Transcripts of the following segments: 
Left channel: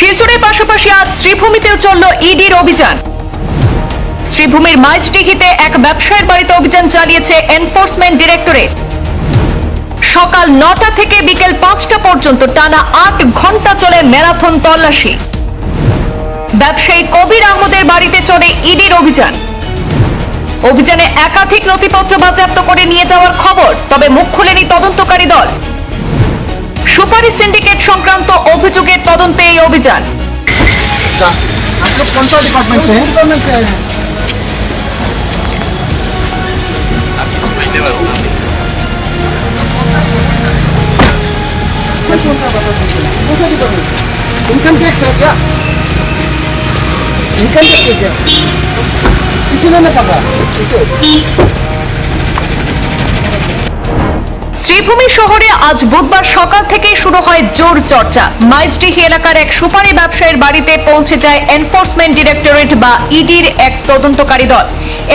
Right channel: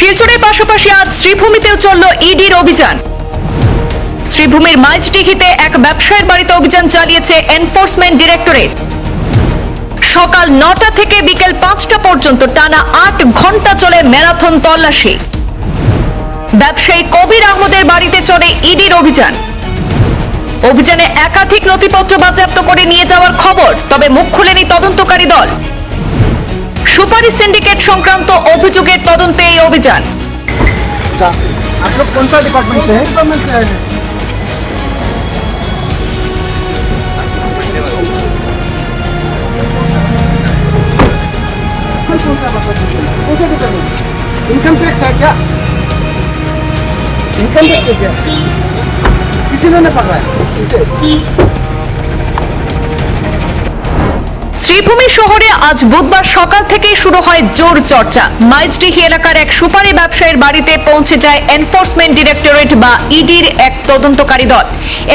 শিলচরের পাশাপাশি আজ শ্রীভূমিতেও চলল ইডির অভিযান। শ্রীভূমির মাইজডিহিতে এক ব্যবসায়ীর বাড়িতে অভিযান চালিয়েছে এনফোর্সমেন্ট ডিরেক্টরেট। সকাল 9টা থেকে বিকেল 5টা পর্যন্ত টানা 8 ঘন্টা চলে ম্যারাথন তল্লাশি। ব্যবসায়ী কবির আহমদের বাড়িতে চলে ইডির অভিযান। অভিযানে একাধিক নথিপত্র বাজেয়াপ্ত করে নিয়ে যাওয়ার খবর, তবে মুখ খুলেনি তদন্তকারী দল। সুপারি সিন্ডিকেট সংক্রান্ত অভিযোগের তদন্তে এই অভিযান। आप लोग कौन सा डिपार्टमेंट से हैं? डिपार्टमेंट से आए हैं। कौन सा डिपार्टमेंट? इनकम टैक्स है क्या? इनकम टैक्स है क्या? किसी ने पकड़ा? শ্রীভূমি শহরে আজ বুধবার সকাল থেকেই শুরু হয় জোর চর্চা। মাইজডিহি এলাকার এক সুপারি ব্যবসায়ীর বাড়িতে পৌঁছে যায় এনফোর্সমেন্ট ডিরেক্টরেট বা ইডির এক তদন্তকারী দল।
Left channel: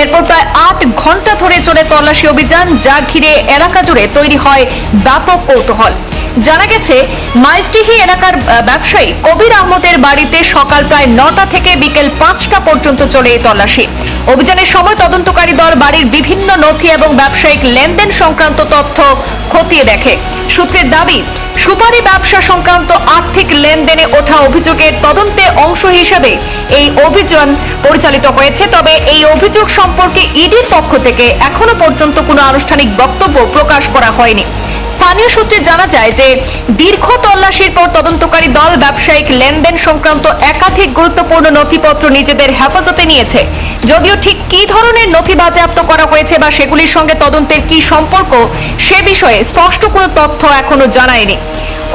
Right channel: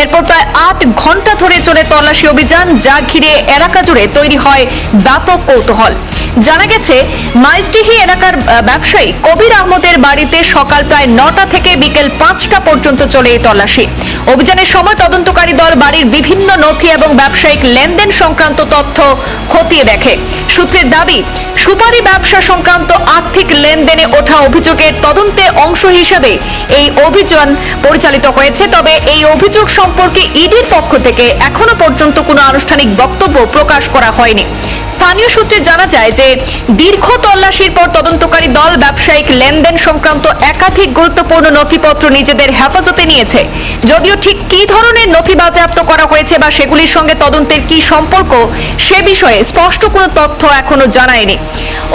এরপর প্রায় 8 ঘন্টা ধরে চলে তল্লাশি অভিযান, যা ঘিরে এলাকা জুড়ে তৈরি হয় ব্যাপক কৌতূহল। জানা গেছে, মাইজডিহি এলাকার ব্যবসায়ী কবির আহমদের বাড়িতে সকাল প্রায় 9টা থেকে বিকেল 5টা পর্যন্ত চলে এই তল্লাশি। অভিযানের সময় তদন্তকারী দল বাড়ির বিভিন্ন নথি এবং ব্যবসায়িক লেনদেন সংক্রান্ত তথ্য খতিয়ে দেখে। সূত্রের দাবি, সুপারি ব্যবসা সংক্রান্ত আর্থিক লেনদেনে ওঠা অভিযোগের তদন্তের অংশ হিসেবে এই অভিযান পরিচালিত হয়েছে। তবে এই অভিযোগ সম্পর্কে ইডির পক্ষ থেকে এখনো পর্যন্ত কোনো আনুষ্ঠানিক বক্তব্য প্রকাশ করা হয়নি। স্থানীয় সূত্রে জানা যায় যে দীর্ঘ তল্লাশির পর তদন্তকারী দল ব্যবসায়িক লেনদেন সংক্রান্ত একাধিক গুরুত্বপূর্ণ নথিপত্র নিজেদের হেফাজতে নিয়েছে। যদিও ঠিক কী ধরনের নথি বাজেয়াপ্ত করা হয়েছে বা সেগুলির সঙ্গে তদন্তের কী সম্পর্ক, সে বিষয়ে স্পষ্ট কোনো তথ্য এখনো জানায়নি।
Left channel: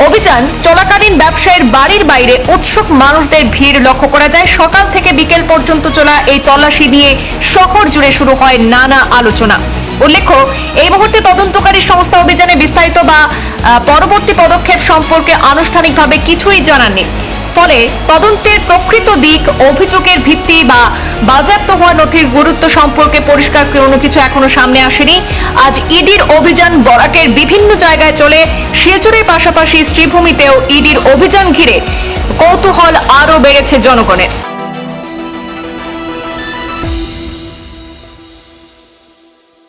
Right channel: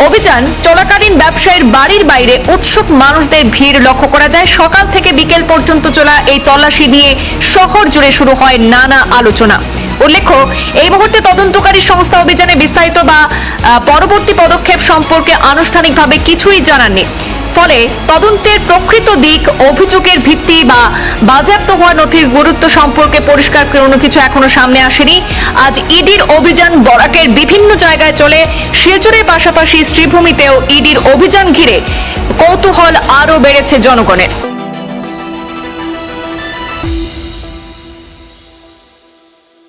অভিযান চলাকালীন ব্যবসায়ীর বাড়ির বাইরে উৎসুক মানুষদের ভিড় লক্ষ্য করা যায়। সকাল থেকে বিকেল পর্যন্ত চলা এই তল্লাশি নিয়ে শহর জুড়ে শুরু হয় নানা আলোচনা। উল্লেখ্য, এই মুহূর্তে তদন্তকারী সংস্থা অভিযানে বিস্তারিত বা পরবর্তী পদক্ষেপ সম্পর্কে আনুষ্ঠানিকভাবে কিছুই জানাননি। ফলে তদন্তের প্রকৃত দিক, অভিযোগের ভিত্তি বা বাজেয়াপ্ত হওয়া নথির গুরুত্ব সম্পর্কে পরিষ্কার কোনো কিছু এখনো সামনে আসেনি। আজ ইডির অভিযান বরাকের বিভিন্ন জায়গায় চলে। শিলচরের পাশাপাশি শ্রীভূমিতেও ইডির অভিযান ঘিরে কৌতূহল আরও বেড়েছে জনগণের।